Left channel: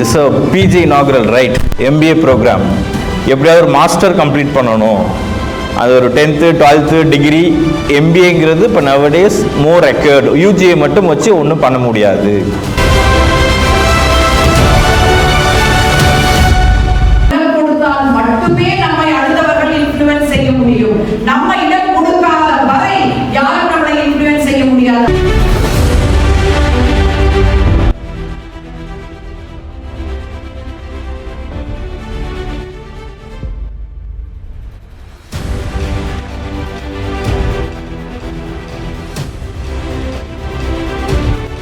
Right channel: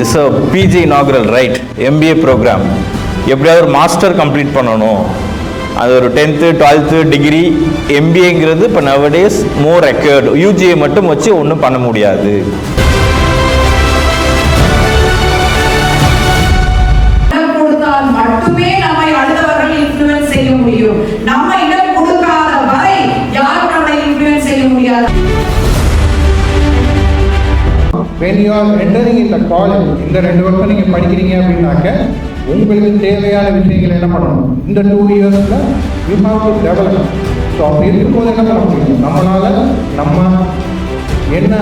This PG inaugural right MBA program எப்படியாவது ஒரு master complete பண்ணணும். அது ஒரு 10th 12th டிகிரி. MBAங்கிறது இப்போ நவடேஸ் மோர் ரெக்யர்டு. UGA மட்டும் வச்சு ஒன்றும் பண்ண முடியாது. மட்டுமே நம்மை அடுத்தவர்கள் இன்ஃப்ளூயன்ஸ் செய்ய முடியும். நம்ம இடம் கொடுக்காத வரை யாரும் நம்மளை இன்ஃப்ளூயன்ஸ் செய்ய முடியாது. When you are entering in the college, இந்த 2 வருஷம் நீங்க படிக்கிறீங்க அப்படின்னாக்க உங்களுக்கு தேவையான விஷயங்கள் என்ன பண்ணணும்? இந்த 2 இயர்ஸ்ல you have to develop. So அப்படி இருக்கும்போது என்ன பண்ண முடியும்? நம்மளால நம்ம என்ன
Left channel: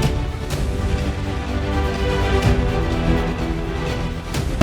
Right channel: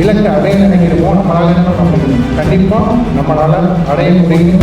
இலக்கை அடைய நினைக்கிறோமோ நம்மளால என்ன பண்ண முடியும்? கண்டிப்பாக நம்மளால அடைய முடியும்.